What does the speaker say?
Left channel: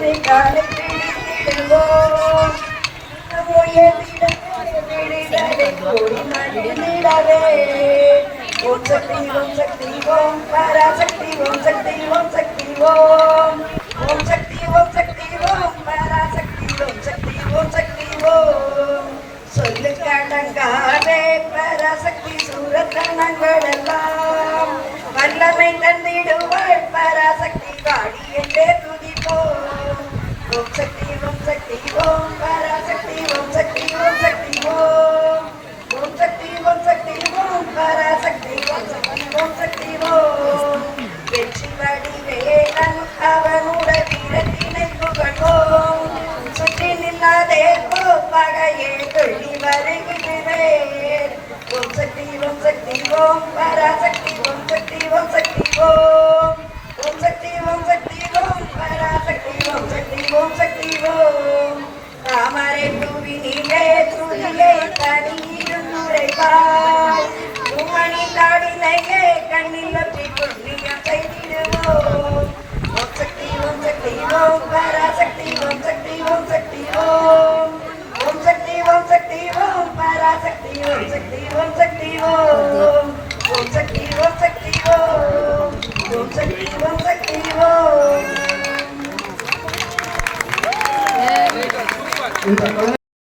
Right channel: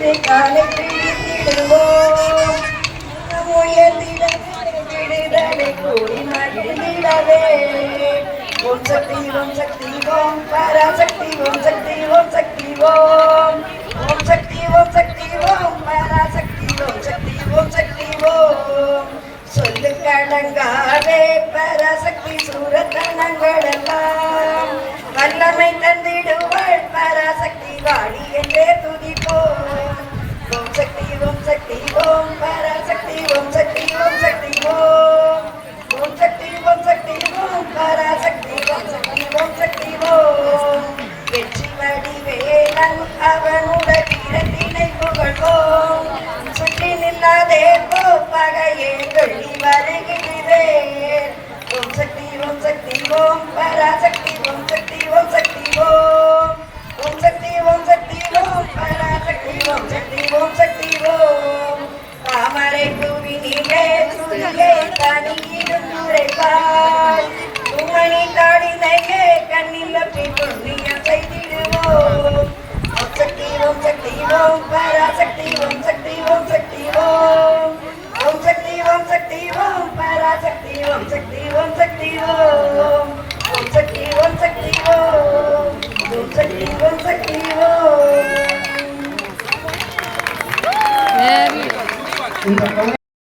இரு காலை பிடித்திடுவோம் விடுதலை கூடி மகிழ்ந்திடவே ஓம் சக்தி ஓம் சக்தி ஓம் பராசக்தி ஓம் சக்தி ஓம் சக்தி ஓம் ஓம் சக்தி ஓம் சக்தி ஓம் பராசக்தி ஓம் சக்தி ஓம் சக்தி ஓம் சொல்லு கடங்காதே பராசக்தி சூரத்தனங்கள் எல்லாம் வல்லமை தந்திடுவாள் பராசக்தி வாடி என்றே துதிப்போம் ஓம் சக்தி ஓம் சக்தி ஓம் பராசக்தி ஓம் சக்தி ஓம் சக்தி ஓம் ஓம் சக்தி ஓம் சக்தி ஓம் பராசக்தி ஓம் சக்தி ஓம் சக்தி ஓம் வெற்றி வடிவேலன் அவனுடைய வீரத்தினை புகழ்வோம் சுற்றி நில்லாதே பகையே கொள்ளி வருகிறேன் ஓம் சக்தி ஓம் சக்தி ஓம் பராசக்தி ஓம் சக்தி ஓம் சக்தி ஓம் ஓம் சக்தி ஓம் சக்தி ஓம் பராசக்தி ஓம் சக்தி ஓம் சக்தி ஓம் தாமரை பூவினிலே சுரியே தனியிடும் உரைவாய் உங்கனி தாடினையே கண்ணில் ஒற்றை புண்ணியம் செய்திடுவோம் ஓம் சக்தி ஓம் சக்தி ஓம் பராசக்தி ஓம் சக்தி ஓம் சக்தி ஓம் ஓம் சக்தி ஓம் சக்தி ஓம் பராசக்தி ஓம் சக்தி ஓம் சக்தி ஓம் ஓம் சக்தி ஓம் சக்தி ஓம் ஓம் சக்தி ஓம் சக்தி ஓம்